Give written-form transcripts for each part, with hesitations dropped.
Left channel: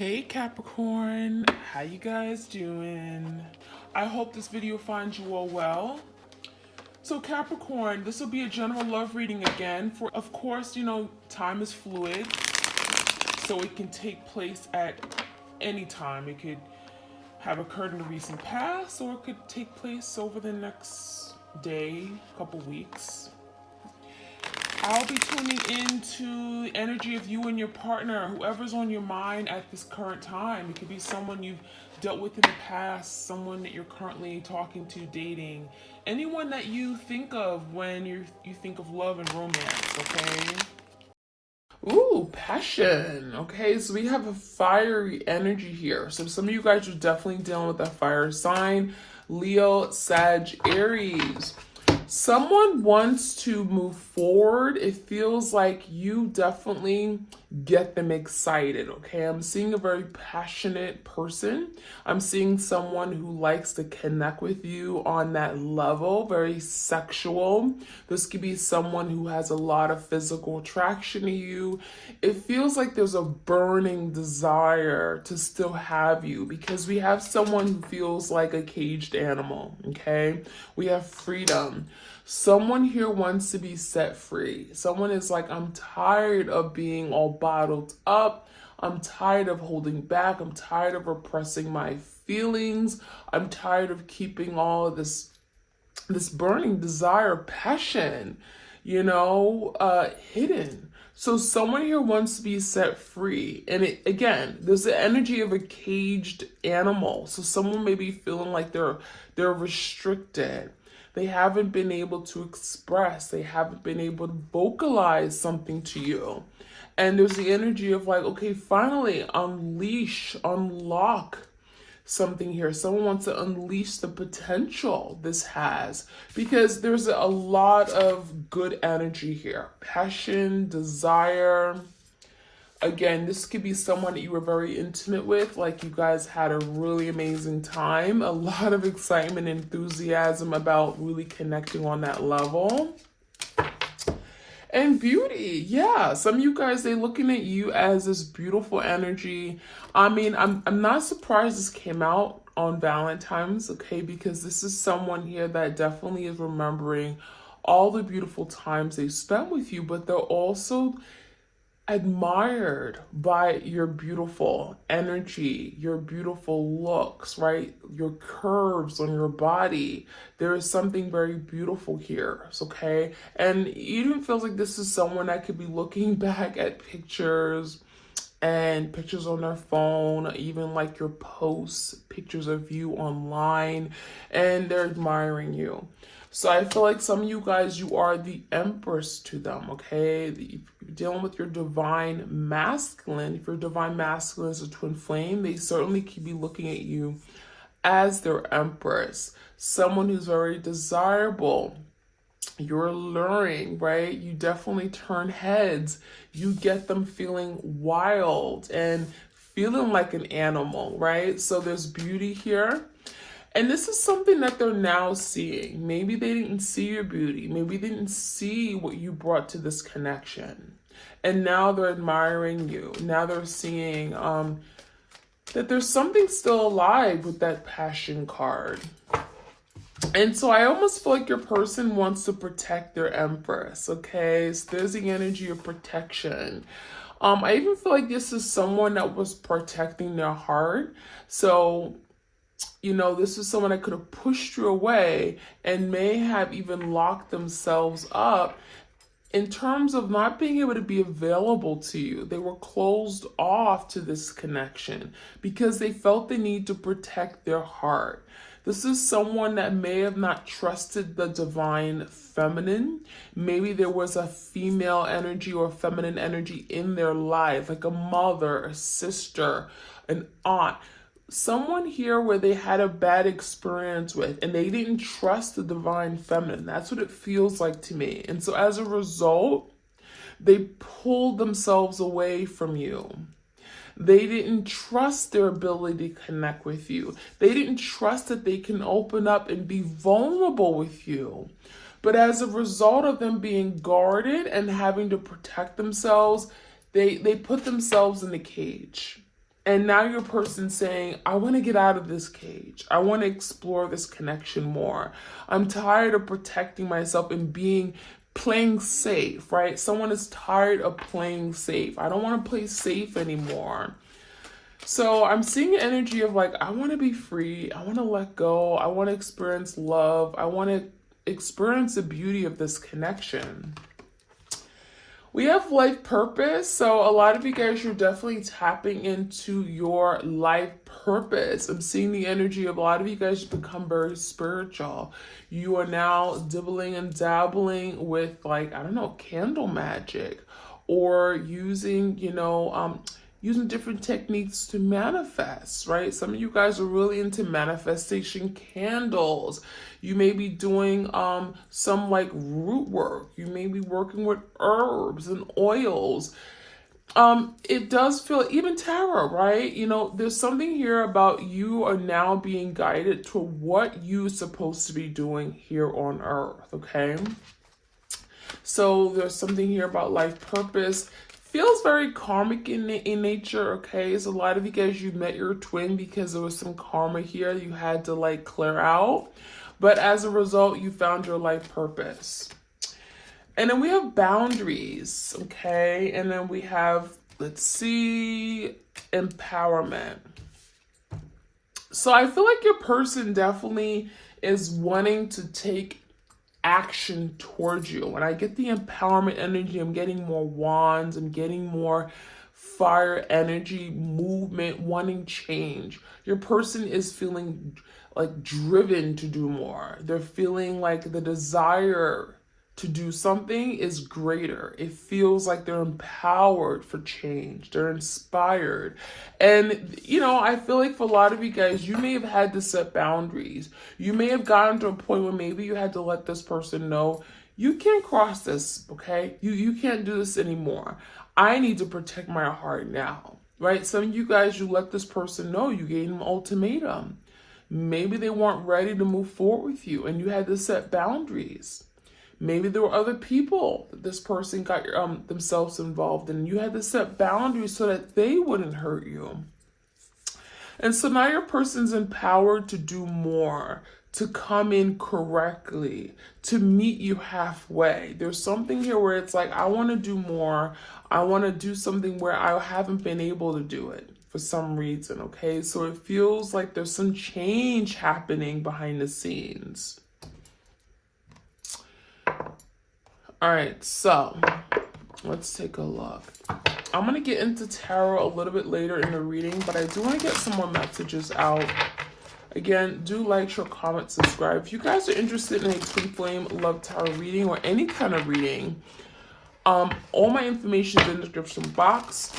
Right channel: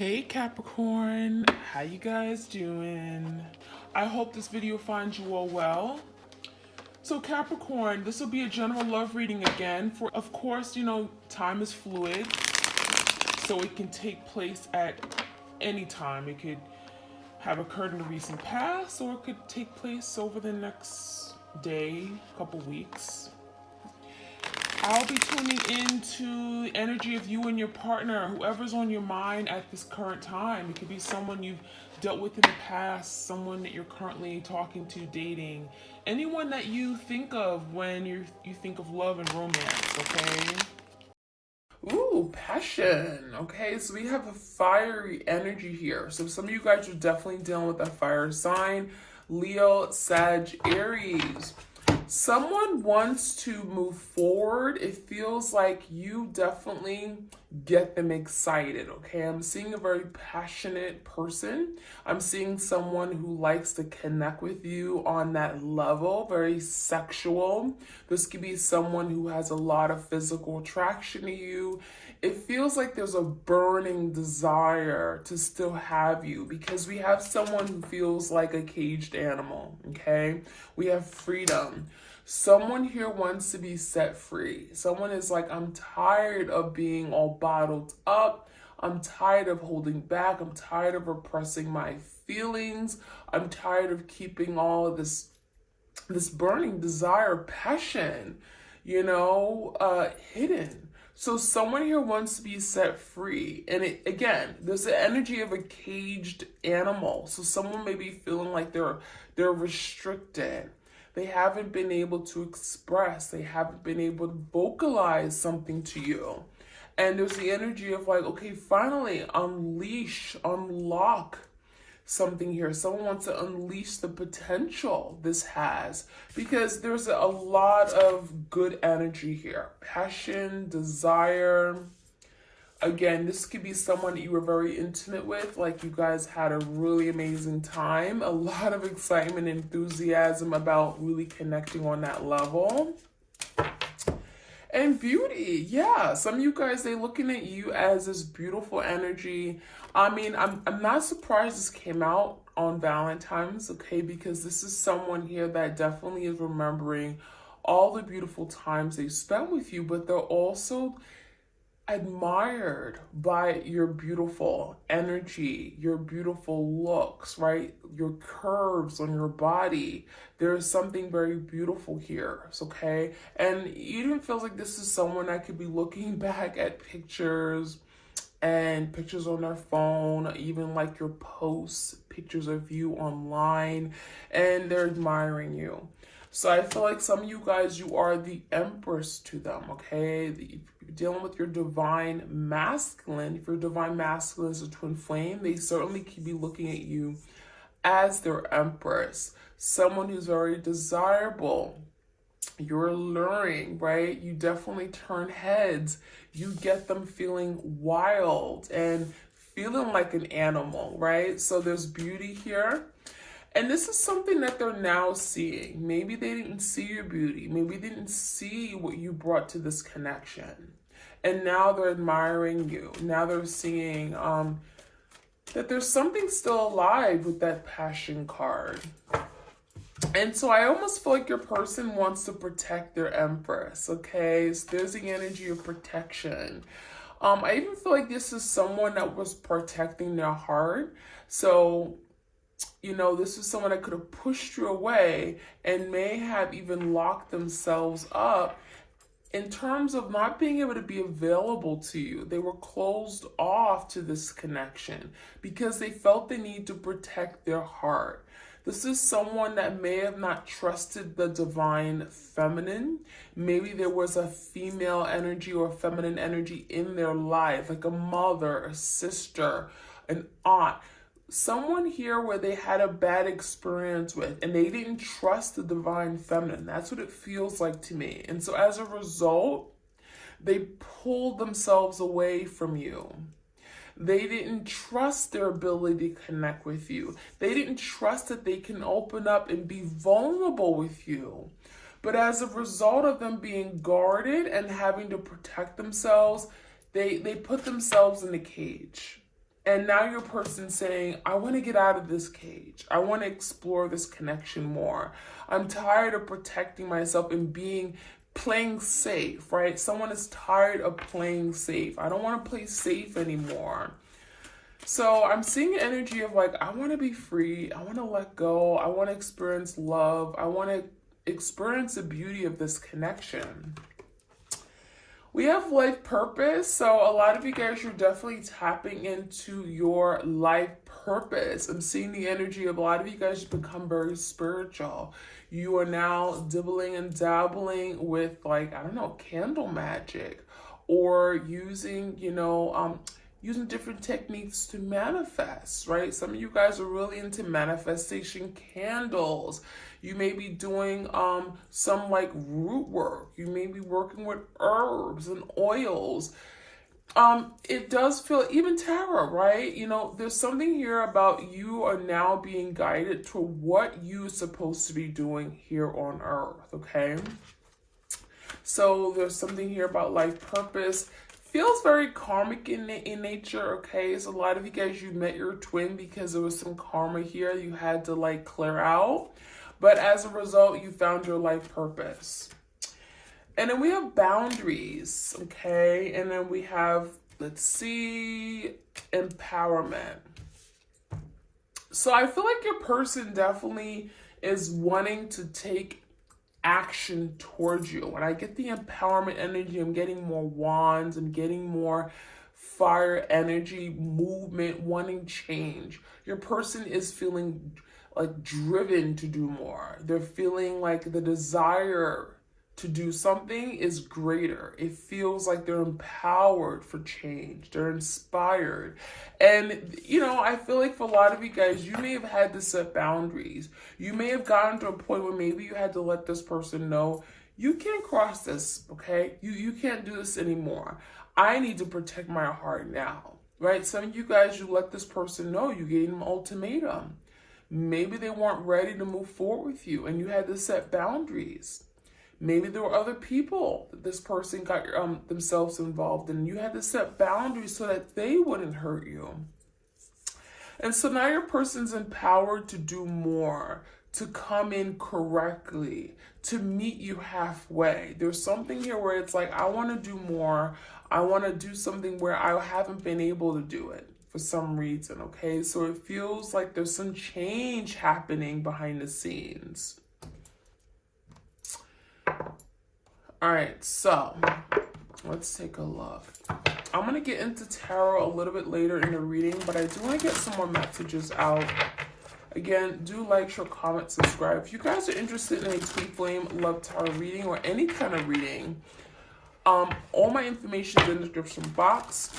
Hey Capricorn, how you guys doing? I hope this video finds you all well. So Capricorn, this will be a general love reading again. For of course, time is fluid, so it can take place at any time. It could have occurred in the recent past, or it could take place over the next day, couple weeks. I'll be tuning into the energy of you and your partner, whoever's on your mind at this current time. It could be someone you've dealt with in the past, someone that you're currently talking to, dating, anyone that you think of when you think of love and romance, okay? Ooh, passion. Okay, so we have a fiery energy here. So some of you guys are definitely dealing with that fire sign. Leo, Sag, Aries. Someone wants to move forward. It feels like you definitely get them excited, okay? I'm seeing a very passionate person. I'm seeing someone who likes to connect with you on that level, very sexual. This could be someone who has a lot of physical attraction to you. It feels like there's a burning desire to still have you because we have someone who feels like a caged animal, okay? We have freedom. Someone here wants to be set free. Someone is like, I'm tired of being all bottled up. I'm tired of holding back. I'm tired of repressing my feelings. I'm tired of keeping all of this burning desire, passion, hidden. So someone here wants to be set free. And again, there's the energy of a caged animal. So someone may be feeling like they're restricted. They haven't been able to express. They haven't been able to vocalize something to you. And there's the energy of like, okay, finally unlock something here. Someone wants to unleash the potential this has because there's a lot of good energy here. Passion, desire. Again, this could be someone that you were very intimate with, like you guys had a really amazing time, a lot of excitement, enthusiasm about really connecting on that level. And beauty, yeah. Some of you guys, they're looking at you as this beautiful energy. I mean, I'm not surprised this came out on Valentine's, okay? Because this is someone here that definitely is remembering all the beautiful times they spent with you, but they're also admired by your beautiful energy, your beautiful looks, right? Your curves on your body. There is something very beautiful here, okay? And it even feels like this is someone that could be looking back at pictures and pictures on their phone, even like your posts, pictures of you online, and they're admiring you. So I feel like some of you guys, you are the empress to them, okay? If you're dealing with your divine masculine, if your divine masculine is a twin flame, they certainly could be looking at you as their empress. Someone who's very desirable. You're alluring, right? You definitely turn heads. You get them feeling wild and feeling like an animal, right? So there's beauty here. And this is something that they're now seeing. Maybe they didn't see your beauty. Maybe they didn't see what you brought to this connection. And now they're admiring you. Now they're seeing that there's something still alive with that passion card. And so I almost feel like your person wants to protect their empress, okay? So there's the energy of protection. I even feel like this is someone that was protecting their heart. So this is someone that could have pushed you away and may have even locked themselves up in terms of not being able to be available to you. They were closed off to this connection because they felt the need to protect their heart. This is someone that may have not trusted the divine feminine. Maybe there was a female energy or feminine energy in their life, like a mother, a sister, an aunt. Someone here where they had a bad experience with and they didn't trust the divine feminine. That's what it feels like to me. And so as a result, they pulled themselves away from you. They didn't trust their ability to connect with you. They didn't trust that they can open up and be vulnerable with you. But as a result of them being guarded and having to protect themselves, they put themselves in a cage. And now your person's saying, I want to get out of this cage. I want to explore this connection more. I'm tired of protecting myself and playing safe, right? Someone is tired of playing safe. I don't want to play safe anymore. So I'm seeing the energy of like, I want to be free. I want to let go. I want to experience love. I want to experience the beauty of this connection. We have life purpose. So a lot of you guys, you're definitely tapping into your life purpose. I'm seeing the energy of a lot of you guys become very spiritual. You are now dibbling and dabbling with, like, I don't know, candle magic, or using, using different techniques to manifest, right? Some of you guys are really into manifestation candles. You may be doing some like root work. You may be working with herbs and oils. It does feel, even tarot, right? There's something here about you are now being guided to what you're supposed to be doing here on earth, okay? So there's something here about life purpose. Feels very karmic in nature, okay? So a lot of you guys, you met your twin because there was some karma here you had to like clear out. But as a result, you found your life purpose. And then we have boundaries, okay? And then we have, let's see, empowerment. So I feel like your person definitely is wanting to take action towards you. When I get the empowerment energy, I'm getting more wands, I'm getting more fire energy, movement, wanting change. Your person is feeling like driven to do more. They're feeling like the desire to do something is greater. It feels like they're empowered for change. They're inspired. And, I feel like for a lot of you guys, you may have had to set boundaries. You may have gotten to a point where maybe you had to let this person know, you can't cross this, okay? You can't do this anymore. I need to protect my heart now, right? Some of you guys, you let this person know, you gave them an ultimatum. Maybe they weren't ready to move forward with you and you had to set boundaries. Maybe there were other people that this person got themselves involved in. You had to set boundaries so that they wouldn't hurt you. And so now your person's empowered to do more, to come in correctly, to meet you halfway. There's something here where it's like, I want to do more. I want to do something where I haven't been able to do it for some reason, okay? So it feels like there's some change happening behind the scenes. All right, so let's take a look. I'm going to get into tarot a little bit later in the reading, but I do want to get some more messages out. Again, do like, share, comment, subscribe. If you guys are interested in a twin flame love tarot reading or any kind of reading, all my information is in the description box.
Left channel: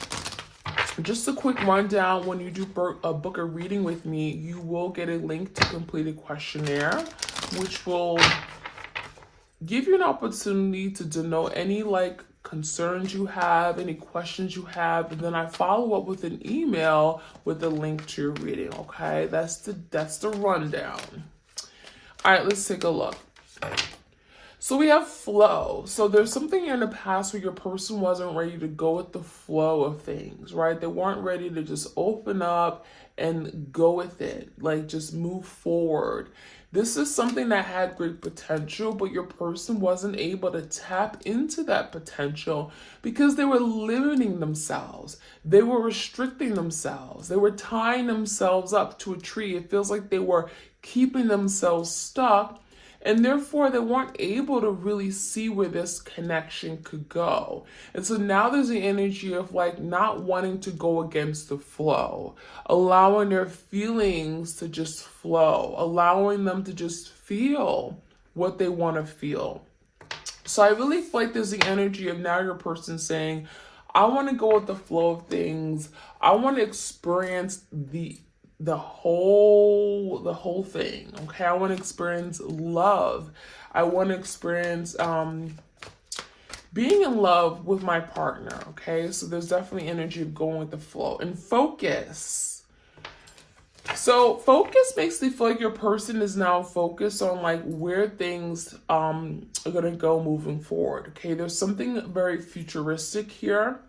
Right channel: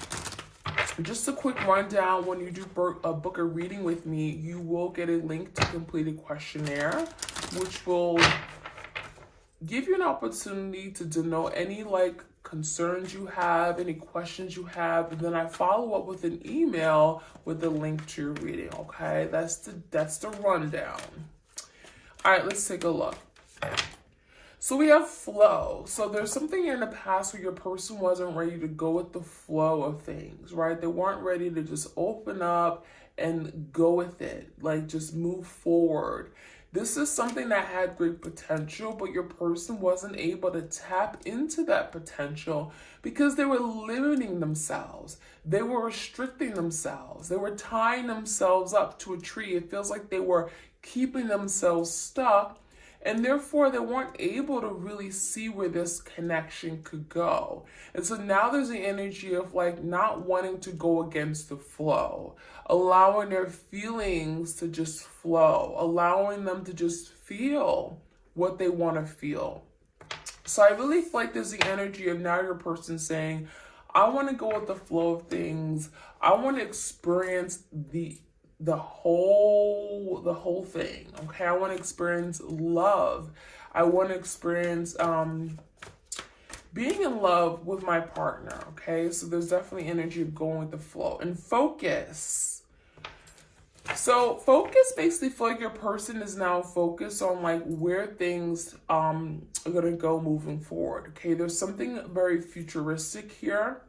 Just a quick rundown, when you do book a reading with me, you will get a link to complete a questionnaire, which will give you an opportunity to denote any concerns you have, any questions you have, and then I follow up with an email with a link to your reading, okay? That's the rundown. All right, let's take a look. So we have flow. So there's something here in the past where your person wasn't ready to go with the flow of things, right? They weren't ready to just open up and go with it, like just move forward. This is something that had great potential, but your person wasn't able to tap into that potential because they were limiting themselves. They were restricting themselves. They were tying themselves up to a tree. It feels like they were keeping themselves stuck, and therefore they weren't able to really see where this connection could go. And so now there's the energy of not wanting to go against the flow, allowing their feelings to just flow, allowing them to just feel what they want to feel. So I really feel like there's the energy of now your person saying, I want to go with the flow of things. I want to experience the whole thing, okay? I want to experience love. I want to experience being in love with my partner, okay? So there's definitely energy of going with the flow. And focus. So focus makes me feel like your person is now focused on where things are going to go moving forward, okay? There's something very futuristic here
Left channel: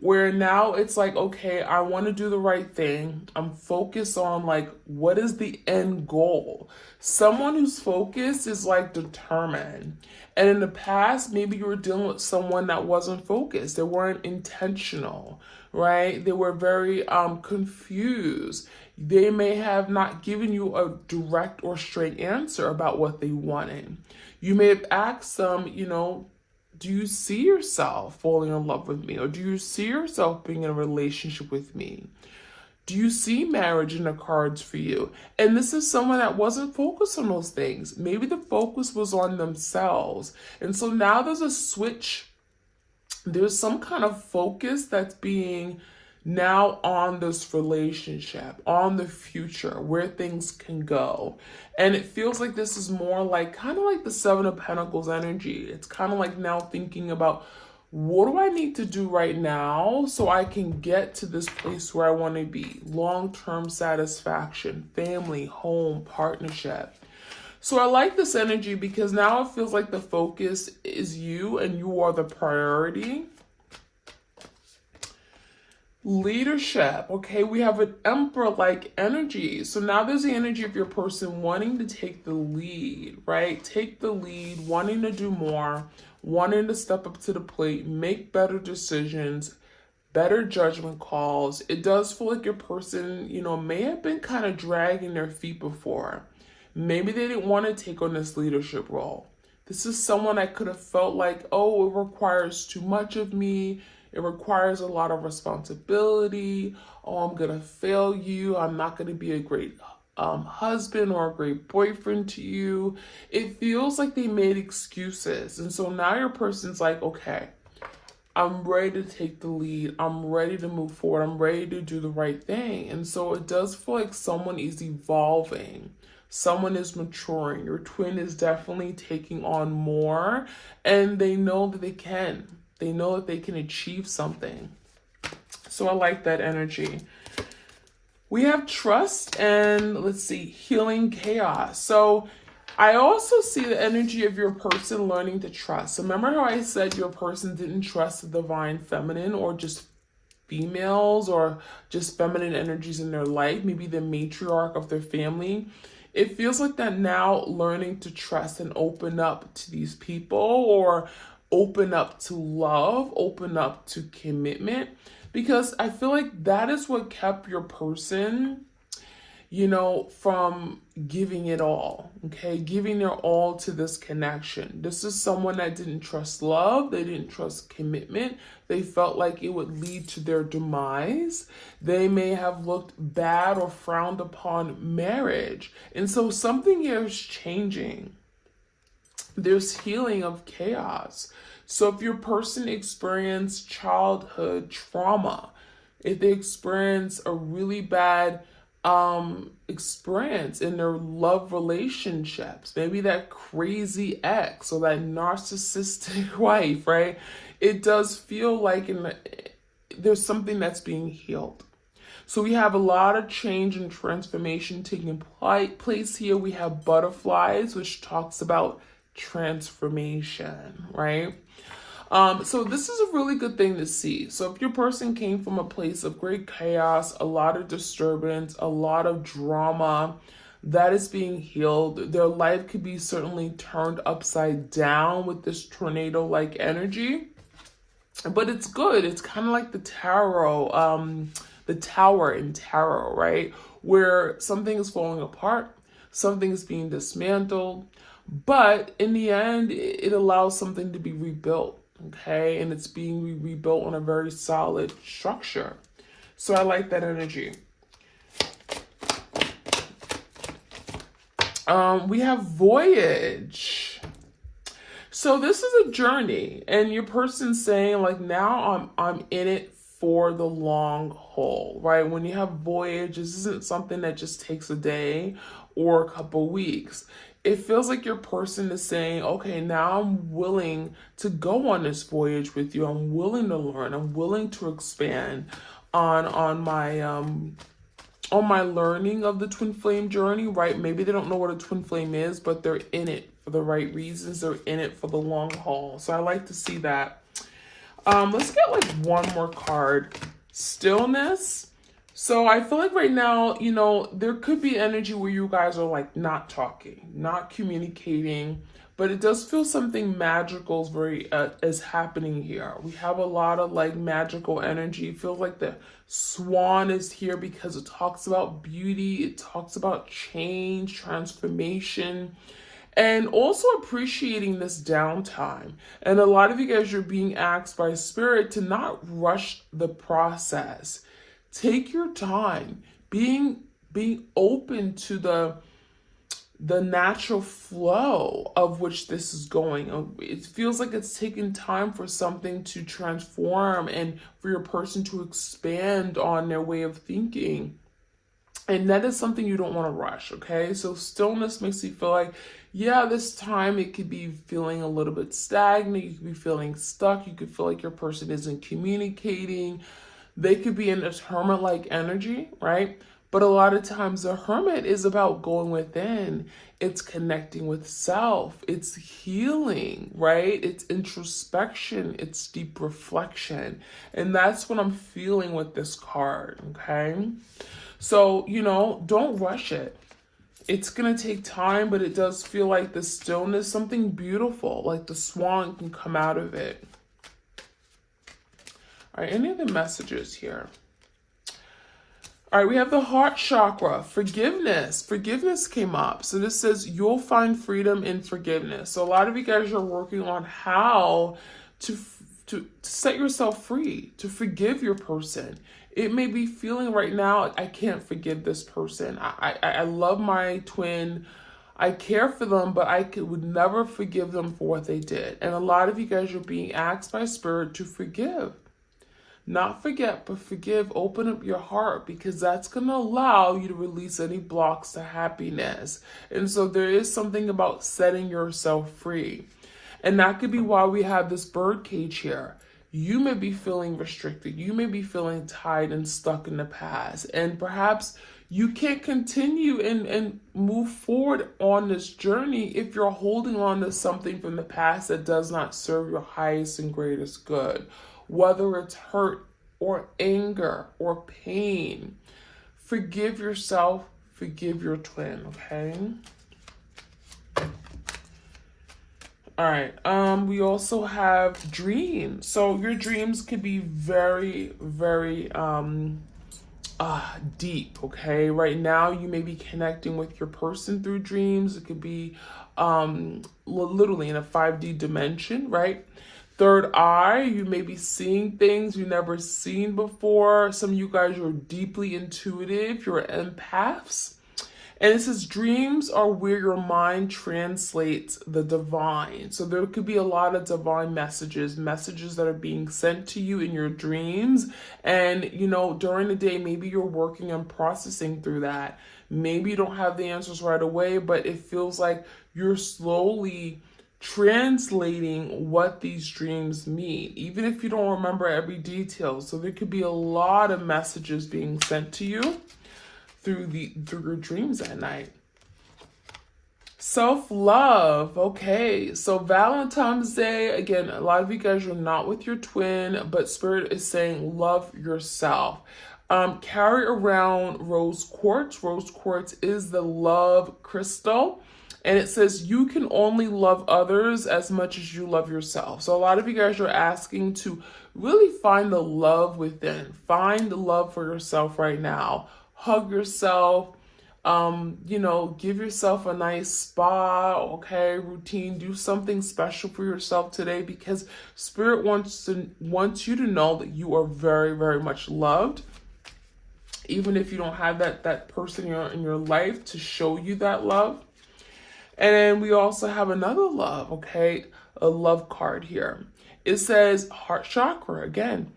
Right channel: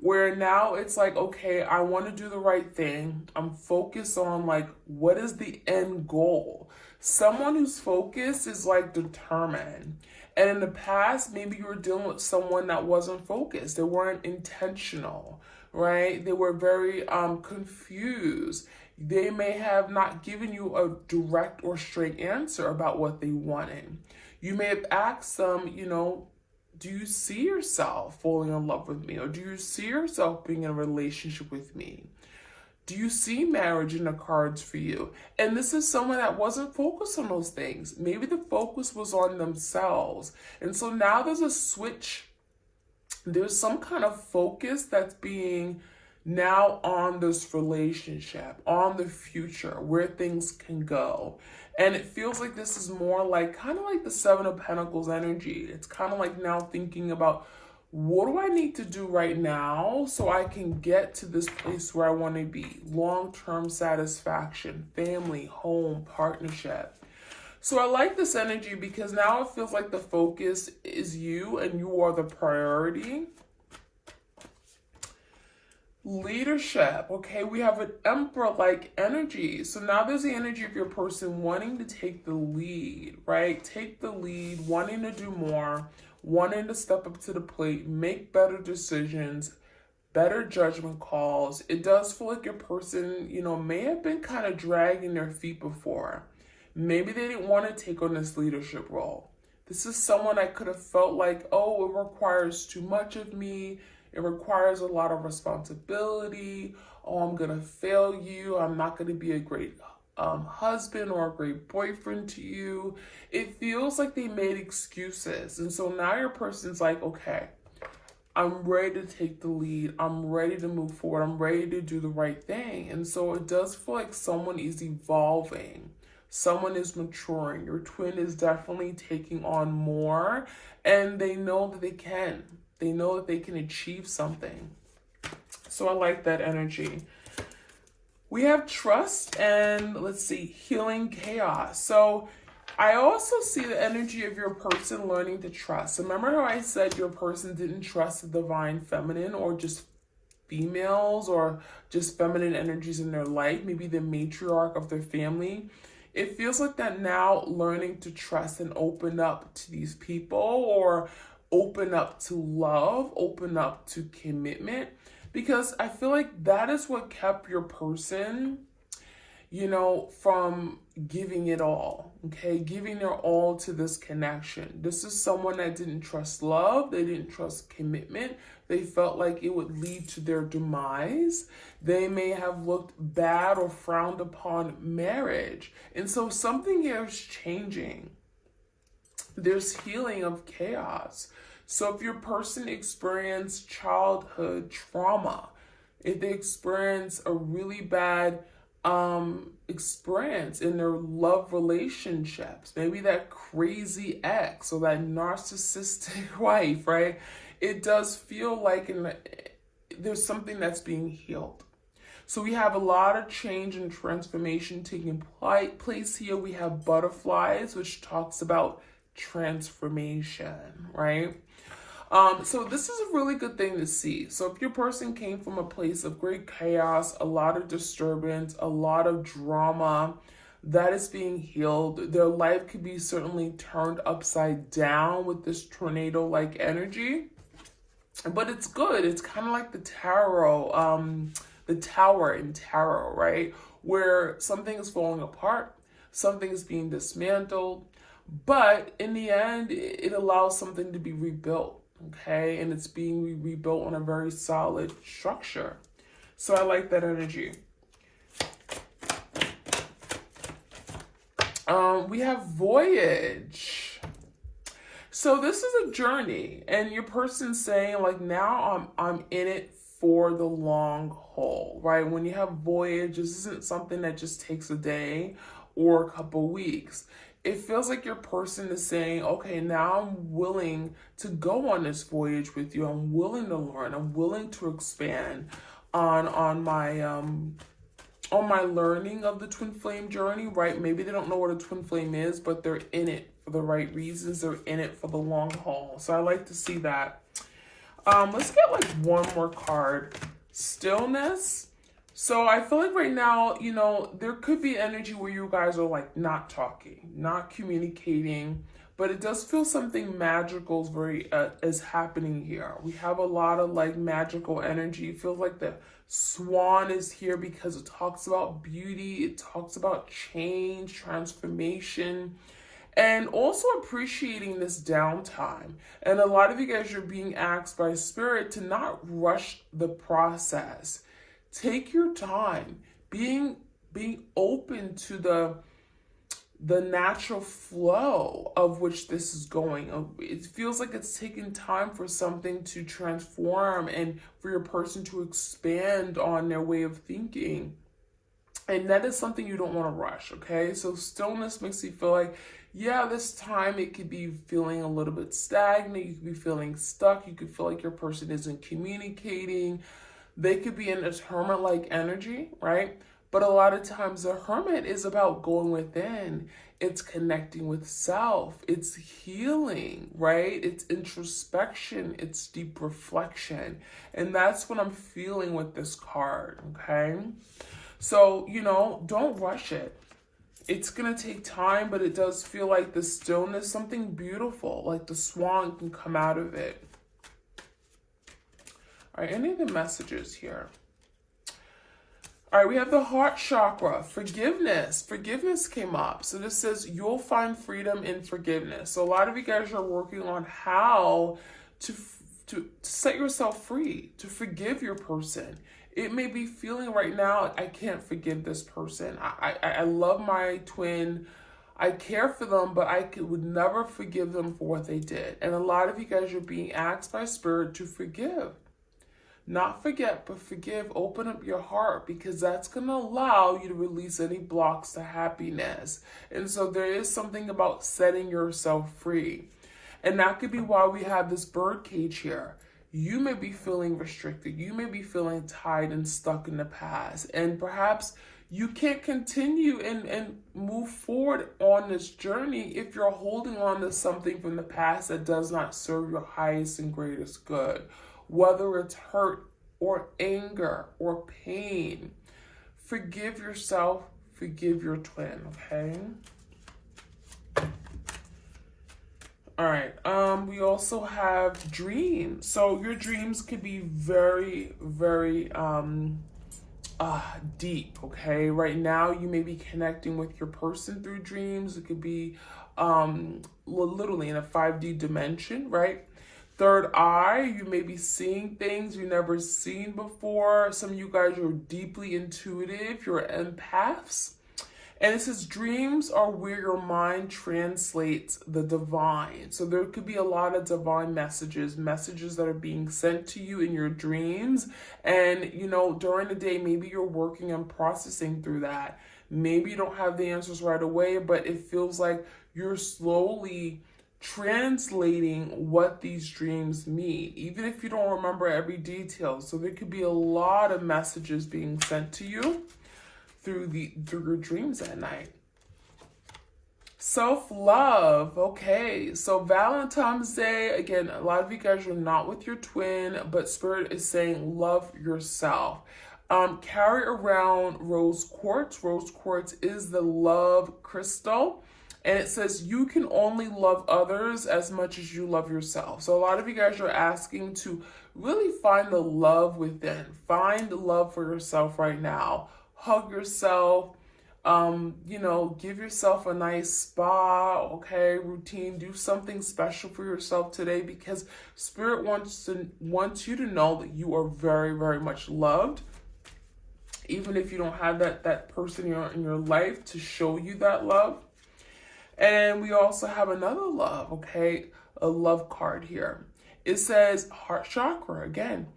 where now it's like, okay, I want to do the right thing. I'm focused on like, what is the end goal? Someone who's focused is like determined. And in the past, maybe you were dealing with someone that wasn't focused. They weren't intentional, right? They were very confused. They may have not given you a direct or straight answer about what they wanted. You may have asked them, do you see yourself falling in love with me? Or do you see yourself being in a relationship with me? Do you see marriage in the cards for you? And this is someone that wasn't focused on those things. Maybe the focus was on themselves. And so now there's a switch. There's some kind of focus that's being now on this relationship, on the future, where things can go. And it feels like this is more like kind of like the Seven of Pentacles energy. It's kind of like now thinking about, what do I need to do right now so I can get to this place where I want to be? Long-term satisfaction, family, home, partnership. So I like this energy because now it feels like the focus is you and you are the priority. Leadership, okay, we have an emperor-like energy. So now there's the energy of your person wanting to take the lead, right? Take the lead, wanting to do more, wanting to step up to the plate, make better decisions, better judgment calls. It does feel like your person, may have been kind of dragging their feet before. Maybe they didn't want to take on this leadership role. This is someone I could have felt like, oh, it requires too much of me. It requires a lot of responsibility. Oh, I'm going to fail you. I'm not going to be a great husband or a great boyfriend to you. It feels like they made excuses. And so now your person's like, okay, I'm ready to take the lead. I'm ready to move forward. I'm ready to do the right thing. And so it does feel like someone is evolving. Someone is maturing. Your twin is definitely taking on more, and they know that they can. They know that they can achieve something. So I like that energy. We have trust and, let's see, healing chaos. So I also see the energy of your person learning to trust. So remember how I said your person didn't trust the divine feminine, or just females, or just feminine energies in their life, maybe the matriarch of their family. It feels like that now, learning to trust and open up to these people, or open up to love, open up to commitment, because I feel like that is what kept your person, from giving it all, okay? Giving their all to this connection. This is someone that didn't trust love. They didn't trust commitment. They felt like it would lead to their demise. They may have looked bad or frowned upon marriage. And so something here is changing. There's healing of chaos. So if your person experienced childhood trauma, if they experience a really bad experience in their love relationships, maybe that crazy ex or that narcissistic wife, right? It does feel like there's something that's being healed. So we have a lot of change and transformation taking place here. We have butterflies, which talks about transformation, right? So this is a really good thing to see. So if your person came from a place of great chaos, a lot of disturbance, a lot of drama, that is being healed. Their life could be certainly turned upside down with this tornado-like energy. But it's good. It's kind of like the tarot, the tower in tarot, right? Where something is falling apart, something's being dismantled, but in the end, it allows something to be rebuilt, okay? And it's being rebuilt on a very solid structure. So I like that energy. We have voyage. So this is a journey, and your person's saying like, now I'm in it for the long haul, right? When you have voyage, this isn't something that just takes a day or a couple weeks. It feels like your person is saying, okay, now I'm willing to go on this voyage with you. I'm willing to learn. I'm willing to expand on my learning of the twin flame journey, right? Maybe they don't know what a twin flame is, but they're in it for the right reasons. They're in it for the long haul. So I like to see that. Let's get like one more card. Stillness. So I feel like right now, you know, there could be energy where you guys are like not talking, not communicating, but it does feel something magical is happening here. We have a lot of like magical energy. It feels like the swan is here because it talks about beauty, it talks about change, transformation, and also appreciating this downtime. And a lot of you guys are being asked by spirit to not rush the process. Take your time, being open to the natural flow of which this is going. It feels like it's taking time for something to transform and for your person to expand on their way of thinking. And that is something you don't want to rush, okay? So stillness makes you feel like, yeah, this time it could be feeling a little bit stagnant. You could be feeling stuck. You could feel like your person isn't communicating. They could be in this hermit-like energy, right? But a lot of times the hermit is about going within. It's connecting with self. It's healing, right? It's introspection. It's deep reflection. And that's what I'm feeling with this card, okay? So, you know, don't rush it. It's going to take time, but it does feel like the stillness, something beautiful, like the swan can come out of it. All right, any of the messages here? All right, we have the heart chakra, forgiveness. Forgiveness came up. So this says you'll find freedom in forgiveness. So a lot of you guys are working on how to set yourself free, to forgive your person. It may be feeling right now, I can't forgive this person. I love my twin. I care for them, but would never forgive them for what they did. And a lot of you guys are being asked by spirit to forgive. Not forget, but forgive. Open up your heart, because that's going to allow you to release any blocks to happiness. And so there is something about setting yourself free. And that could be why we have this bird cage here. You may be feeling restricted. You may be feeling tied and stuck in the past. And perhaps you can't continue and move forward on this journey if you're holding on to something from the past that does not serve your highest and greatest good. Whether it's hurt or anger or pain, forgive yourself, forgive your twin, okay? All right, we also have dreams. So your dreams could be very, very deep, okay? Right now, you may be connecting with your person through dreams. It could be literally in a 5D dimension, right? Third eye, you may be seeing things you've never seen before. Some of you guys are deeply intuitive. You're empaths. And it says dreams are where your mind translates the divine. So there could be a lot of divine messages that are being sent to you in your dreams. And, you know, during the day, maybe you're working on processing through that. Maybe you don't have the answers right away, but it feels like you're slowly translating what these dreams mean, even if you don't remember every detail. So there could be a lot of messages being sent to you through your dreams at night. Self-love. Okay, so Valentine's Day, again, a lot of you guys are not with your twin, but spirit is saying love yourself. Carry around rose quartz. Rose quartz is the love crystal. And it says you can only love others as much as you love yourself. So a lot of you guys are asking to really find the love within. Find the love for yourself right now. Hug yourself. You know, give yourself a nice spa, okay, routine. Do something special for yourself today, because spirit wants you to know that you are very, very much loved. Even if you don't have that person in your life to show you that love. And we also have another love, okay? A love card here. It says heart chakra again.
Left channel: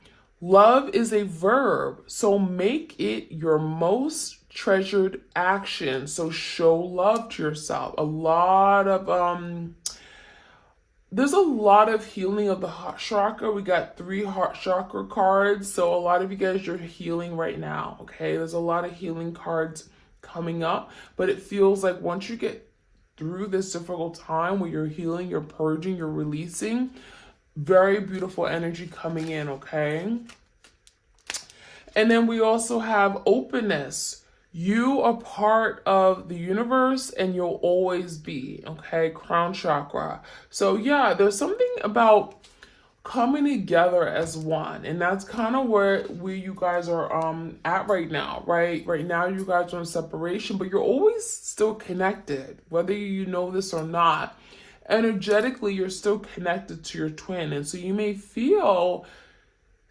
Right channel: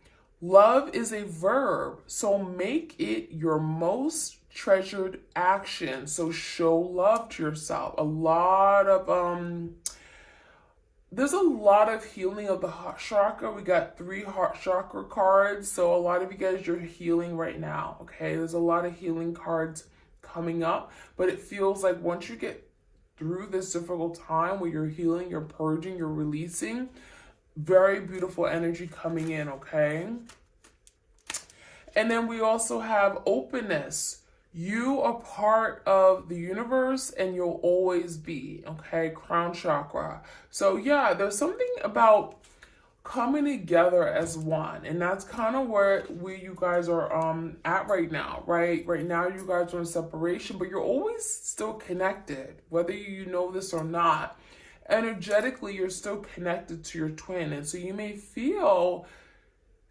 Love is a verb, so make it your most treasured action. So show love to yourself. There's a lot of healing of the heart chakra. We got 3 heart chakra cards. So a lot of you guys are healing right now, okay? There's a lot of healing cards coming up, but it feels like once you get through this difficult time where you're healing, you're purging, you're releasing, Very beautiful energy coming in, okay? And then we also have openness. You are part of the universe and you'll always be, okay? Crown chakra. So yeah, there's something about coming together as one, and that's kind of where you guys are at right now. Right now you guys are in separation, but you're always still connected, whether you know this or not. Energetically, you're still connected to your twin, and so you may feel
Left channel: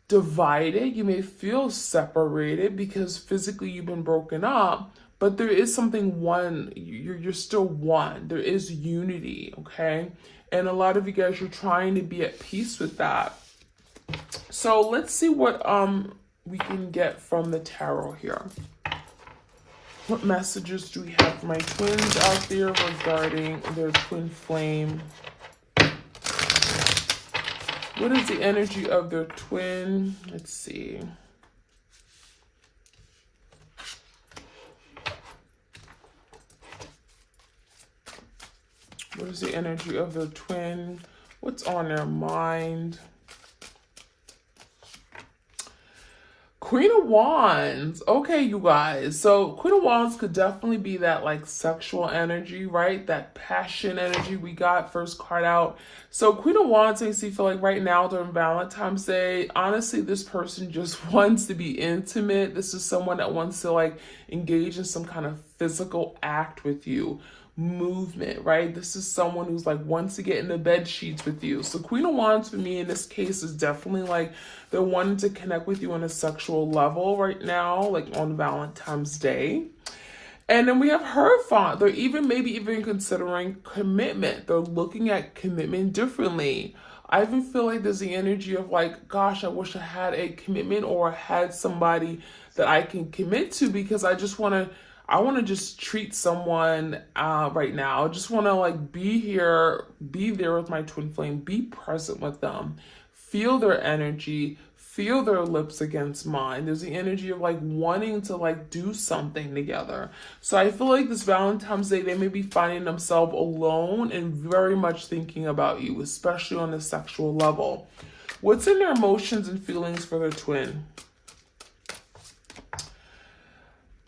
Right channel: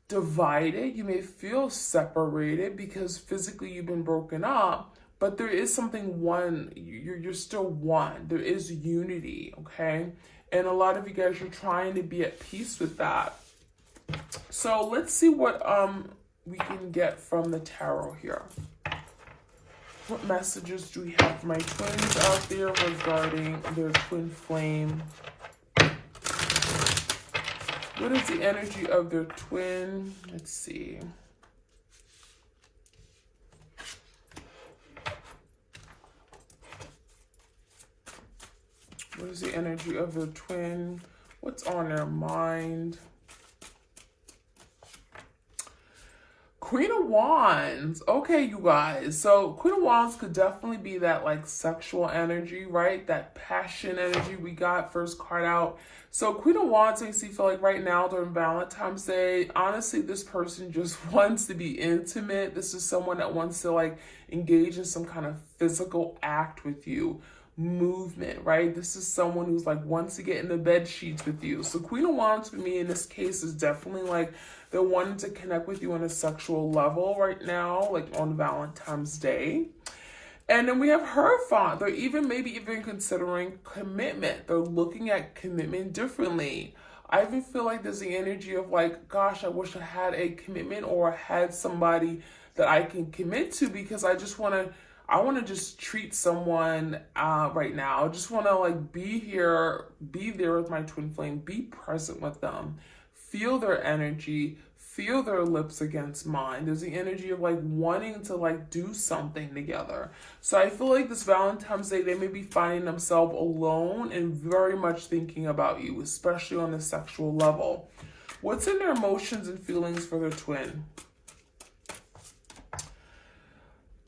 divided, you may feel separated because physically you've been broken up, but there is something one. You're still one. There is unity, okay? And a lot of you guys are trying to be at peace with that. So let's see what we can get from the tarot here. What messages do we have for my twins out there regarding their twin flame? What is the energy of their twin? Let's see. What is the energy of their twin? What's on their mind? Queen of Wands. Okay, you guys. So Queen of Wands could definitely be that like sexual energy, right? That passion energy we got first card out. So Queen of Wands makes me feel like right now during Valentine's Day, honestly, this person just wants to be intimate. This is someone that wants to like engage in some kind of physical act with you. Movement, right? This is someone who's like wants to get in the bed sheets with you. So Queen of Wands for me in this case is definitely like they're wanting to connect with you on a sexual level right now, like on Valentine's Day. And then we have Hierophant. They're maybe even considering commitment. They're looking at commitment differently. I even feel like there's the energy of like, gosh, I wish I had a commitment or had somebody that I can commit to, because I want to just treat someone right now. I just want to like be there with my twin flame, be present with them, feel their energy, feel their lips against mine. There's the energy of like wanting to like do something together. So I feel like this Valentine's Day, they may be finding themselves alone and very much thinking about you, especially on a sexual level. What's in their emotions and feelings for their twin?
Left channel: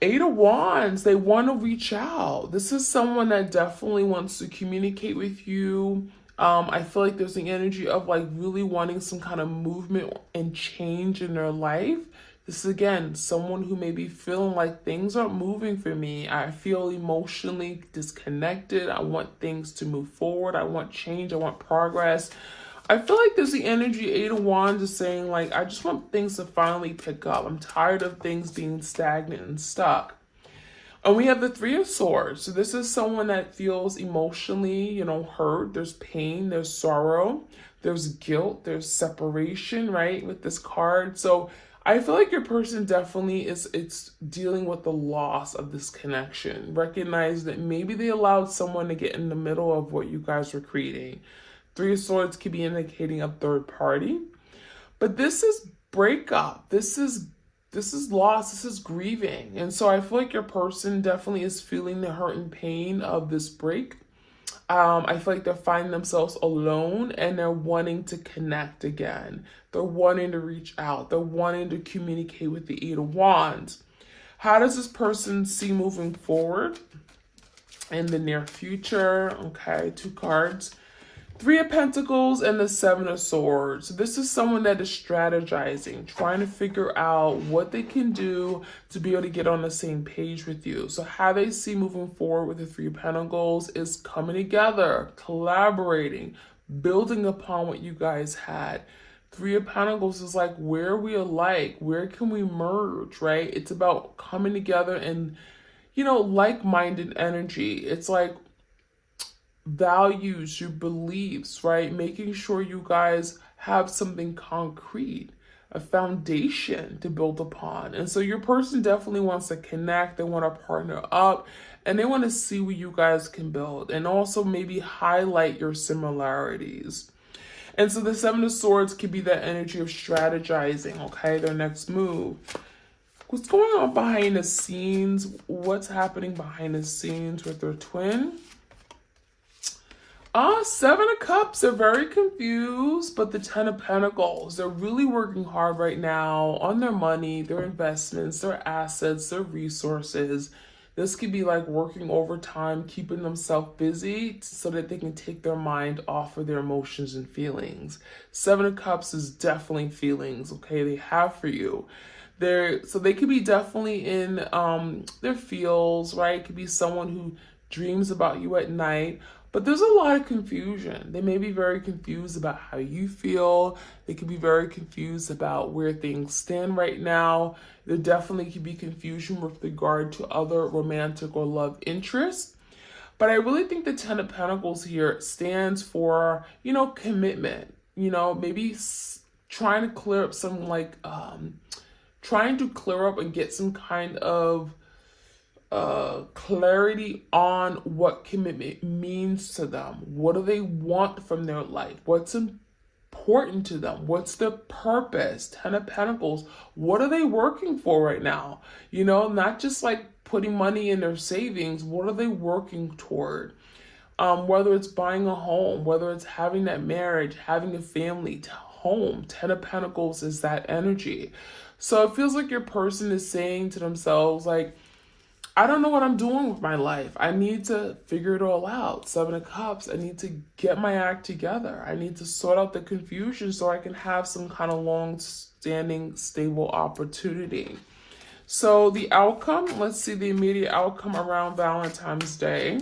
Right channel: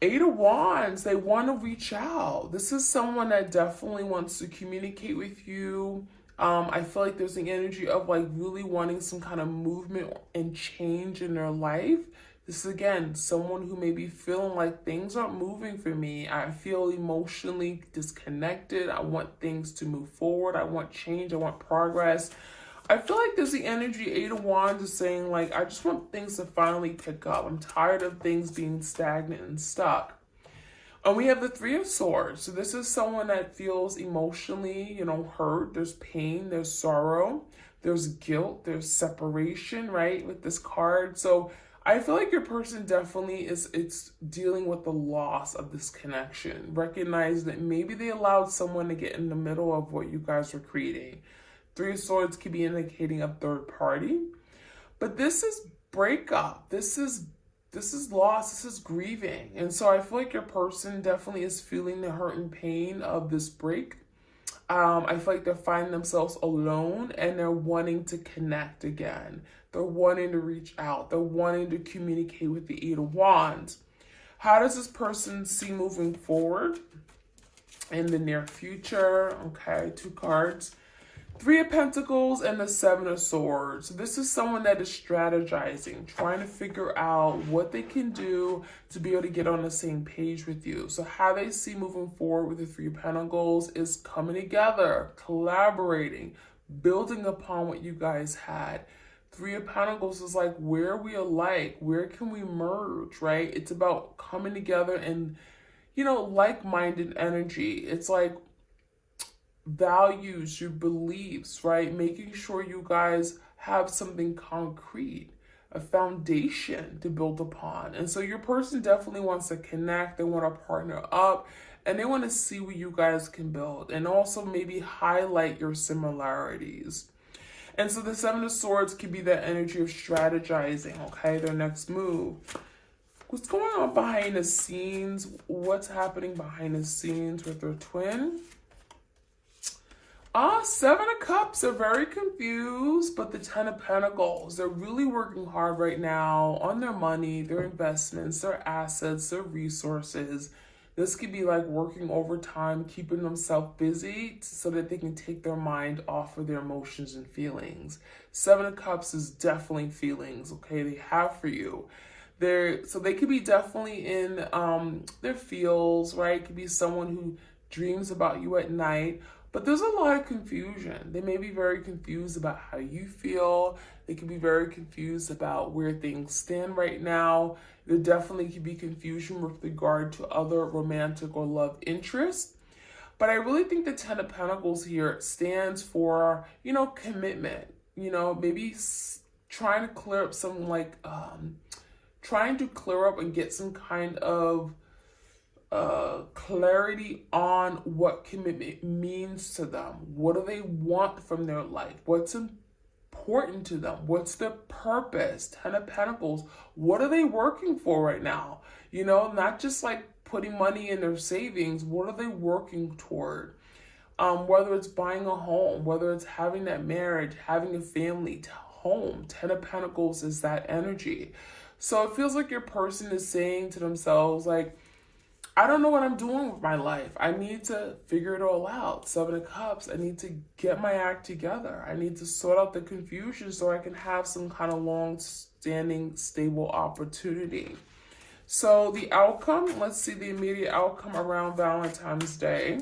Eight of Wands, they want to reach out. This is someone that definitely wants to communicate with you. I feel like there's the energy of like really wanting some kind of movement and change in their life. This is again, someone who may be feeling like things aren't moving for me. I feel emotionally disconnected. I want things to move forward. I want change. I want progress. I feel like there's the energy, Eight of Wands is saying like, I just want things to finally pick up. I'm tired of things being stagnant and stuck. And we have the Three of Swords. So this is someone that feels emotionally, hurt. There's pain, there's sorrow, there's guilt, there's separation, right? With this card. So I feel like your person definitely it's dealing with the loss of this connection. Recognize that maybe they allowed someone to get in the middle of what you guys were creating. Three of Swords could be indicating a third party. But this is breakup. This is loss. This is grieving. And so I feel like your person definitely is feeling the hurt and pain of this break. I feel like they're finding themselves alone and they're wanting to connect again. They're wanting to reach out. They're wanting to communicate with the Eight of Wands. How does this person see moving forward in the near future? Okay, 2 cards. Three of Pentacles and the Seven of Swords. This is someone that is strategizing, trying to figure out what they can do to be able to get on the same page with you. So how they see moving forward with the Three of Pentacles is coming together, collaborating, building upon what you guys had. Three of Pentacles is like, where are we alike? Where can we merge, right? It's about coming together and, like-minded energy. It's like, values, your beliefs, right? Making sure you guys have something concrete, a foundation to build upon. And so your person definitely wants to connect. They want to partner up and they want to see what you guys can build and also maybe highlight your similarities. And so the Seven of Swords could be that energy of strategizing, okay? Their next move. What's going on behind the scenes? What's happening behind the scenes with their twin? Seven of Cups are very confused, but the Ten of Pentacles, they're really working hard right now on their money, their investments, their assets, their resources. This could be like working overtime, keeping themselves busy so that they can take their mind off of their emotions and feelings. Seven of Cups is definitely feelings, okay, they have for you. So they could be definitely in their feels, right? It could be someone who dreams about you at night. But there's a lot of confusion. They may be very confused about how you feel. They could be very confused about where things stand right now. There definitely could be confusion with regard to other romantic or love interests. But I really think the Ten of Pentacles here stands for, commitment. Maybe trying to clear up trying to clear up and get some kind of clarity on what commitment means to them. What do they want from their life? What's important to them? What's their purpose? Ten of Pentacles. What are they working for right now? Not just like putting money in their savings. What are they working toward? Whether it's buying a home, whether it's having that marriage, having a family, home. Ten of Pentacles is that energy. So it feels like your person is saying to themselves, like, I don't know what I'm doing with my life. I need to figure it all out. Seven of Cups, I need to get my act together. I need to sort out the confusion so I can have some kind of long-standing, stable opportunity. So the outcome, let's see the immediate outcome around Valentine's Day.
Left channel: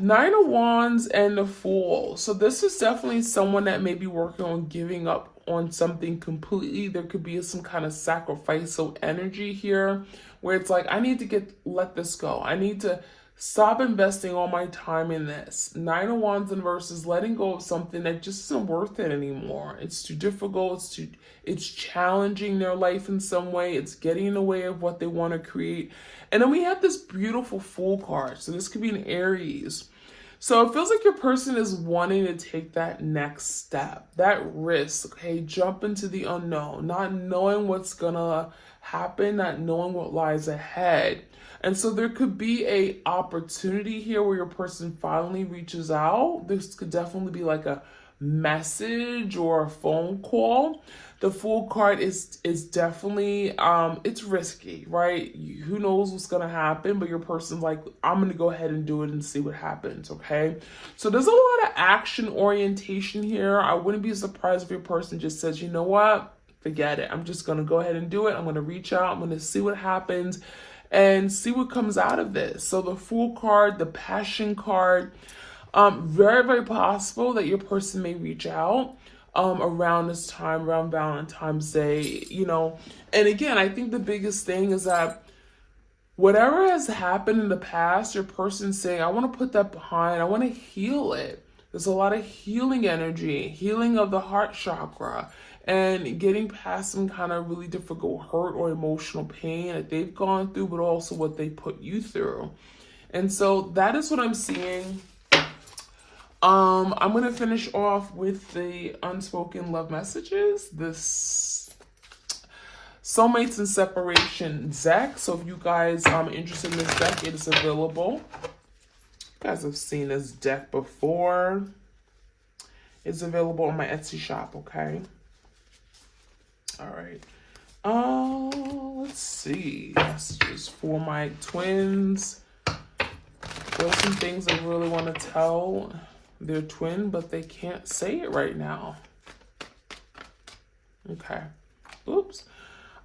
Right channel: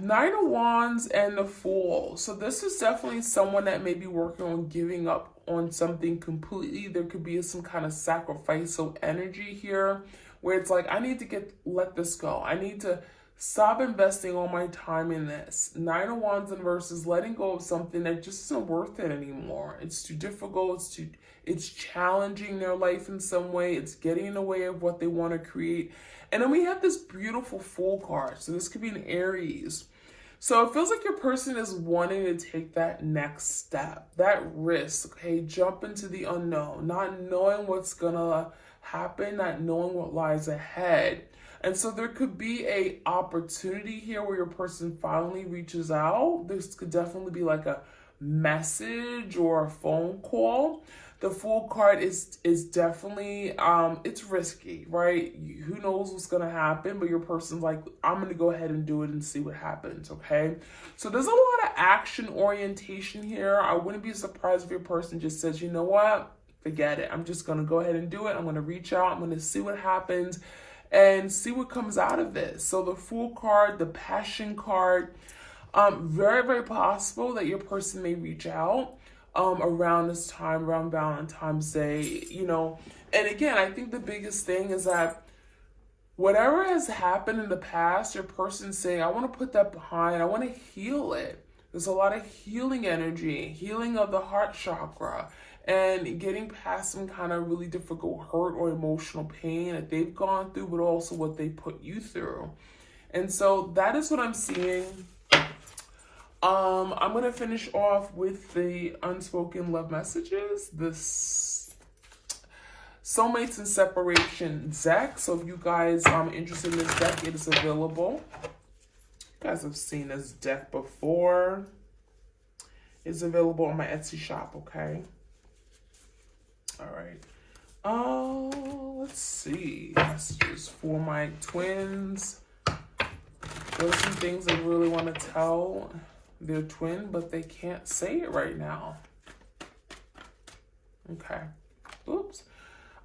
Nine of Wands and the Fool. So this is definitely someone that may be working on giving up on something completely. There could be some kind of sacrificial energy here where it's like, I need to let this go. I need to stop investing all my time in this. Nine of Wands in verses letting go of something that just isn't worth it anymore. It's too difficult. It's challenging their life in some way. It's getting in the way of what they want to create. And then we have this beautiful Fool card. So this could be an Aries. So it feels like your person is wanting to take that next step, that risk, okay? Jump into the unknown, not knowing what's gonna happen, not knowing what lies ahead. And so there could be a opportunity here where your person finally reaches out. This could definitely be like a message or a phone call. The Fool card is definitely, it's risky, right? Who knows what's going to happen, but your person's like, I'm going to go ahead and do it and see what happens, okay? So there's a lot of action orientation here. I wouldn't be surprised if your person just says, you know what? Forget it. I'm just going to go ahead and do it. I'm going to reach out. I'm going to see what happens and see what comes out of this. So the Fool card, the Passion card, very, very possible that your person may reach out around this time, around Valentine's Day, And again, I think the biggest thing is that whatever has happened in the past, your person's saying, I want to put that behind. I want to heal it. There's a lot of healing energy, healing of the heart chakra, and getting past some kind of really difficult hurt or emotional pain that they've gone through, but also what they put you through. And so that is what I'm seeing. I'm going to finish off with the unspoken love messages, this soulmates and separation deck. So if you guys are interested in this deck, it is available. You guys have seen this deck before. It's available on my Etsy shop, okay? All right. Let's see. Messages for my twins. There's some things I really want to tell their twin, but they can't say it right now. Okay. Oops.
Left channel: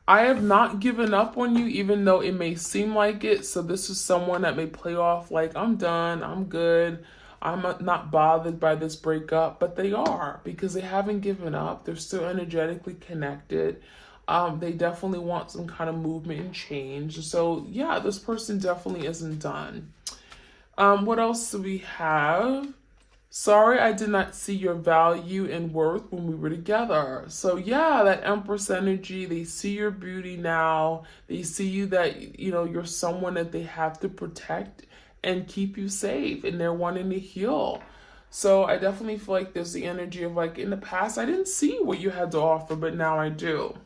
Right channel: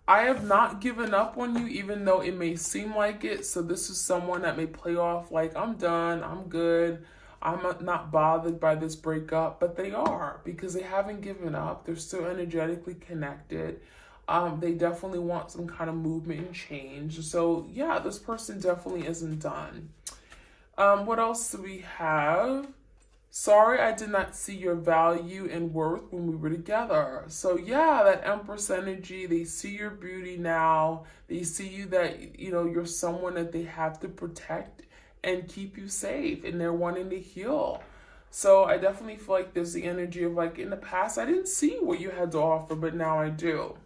I have not given up on you, even though it may seem like it. So this is someone that may play off like, I'm done, I'm good, I'm not bothered by this breakup, but they are, because they haven't given up. They're still energetically connected. They definitely want some kind of movement and change. So yeah, this person definitely isn't done. What else do we have? Sorry, I did not see your value and worth when we were together. So yeah, that Empress energy, they see your beauty now. They see you that, you're someone that they have to protect and keep you safe, and they're wanting to heal. So I definitely feel like there's the energy of like, in the past, I didn't see what you had to offer, but now I do.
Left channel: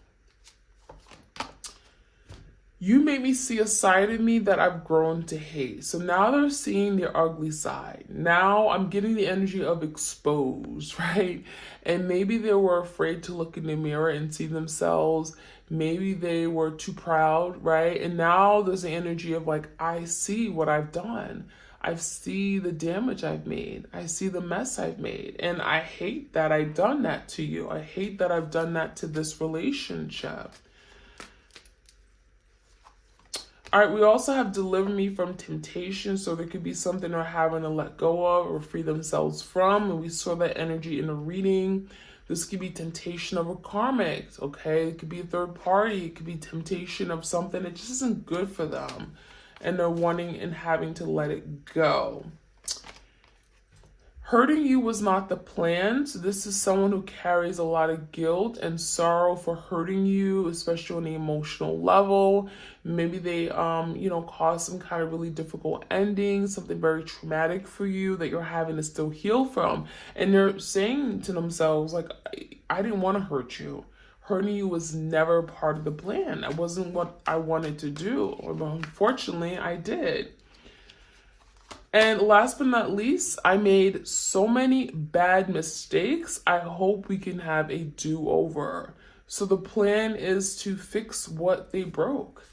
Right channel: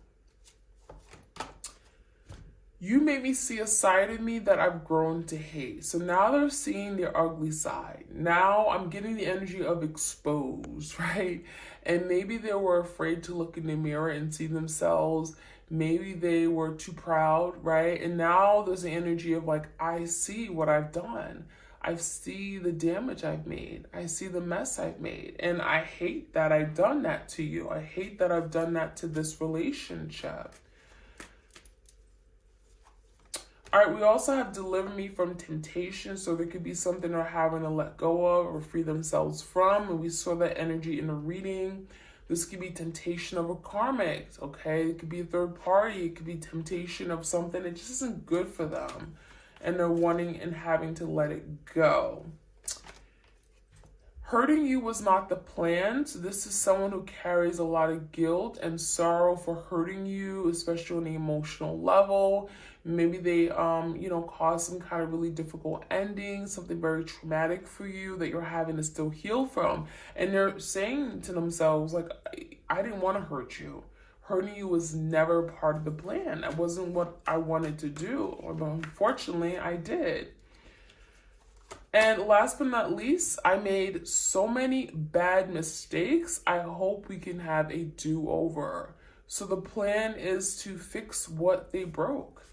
You made me see a side of me that I've grown to hate. So now they're seeing their ugly side. Now I'm getting the energy of exposed, right? And maybe they were afraid to look in the mirror and see themselves. Maybe they were too proud, right? And now there's the energy of like, I see what I've done. I see the damage I've made. I see the mess I've made. And I hate that I've done that to you. I hate that I've done that to this relationship. All right, we also have deliver me from temptation. So there could be something they're having to let go of or free themselves from. And we saw that energy in a reading. This could be temptation of a karmic, okay? It could be a third party. It could be temptation of something that just isn't good for them. And they're wanting and having to let it go. Hurting you was not the plan. So this is someone who carries a lot of guilt and sorrow for hurting you, especially on the emotional level. Maybe they, caused some kind of really difficult ending, something very traumatic for you that you're having to still heal from. And they're saying to themselves, like, I didn't want to hurt you. Hurting you was never part of the plan. That wasn't what I wanted to do. But unfortunately, I did. And last but not least, I made so many bad mistakes. I hope we can have a do-over. So the plan is to fix what they broke,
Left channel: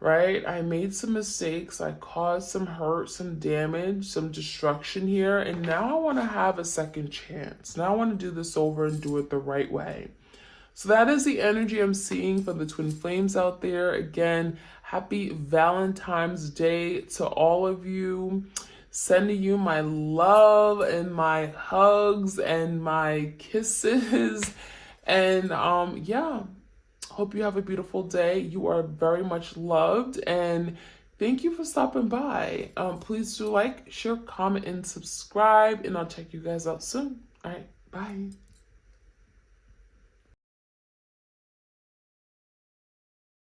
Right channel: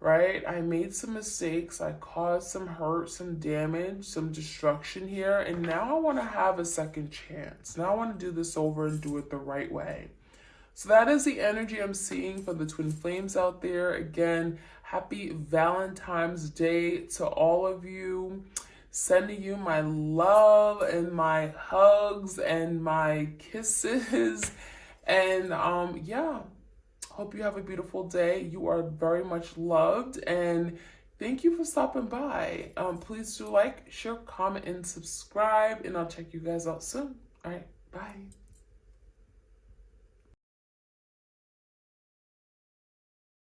right? I made some mistakes. I caused some hurt, some damage, some destruction here. And now I want to have a second chance. Now I want to do this over and do it the right way. So that is the energy I'm seeing for the twin flames out there. Again, happy Valentine's Day to all of you. Sending you my love and my hugs and my kisses. And yeah, hope you have a beautiful day. You are very much loved. And thank you for stopping by. Please do like, share, comment, and subscribe. And I'll check you guys out soon. All right, bye.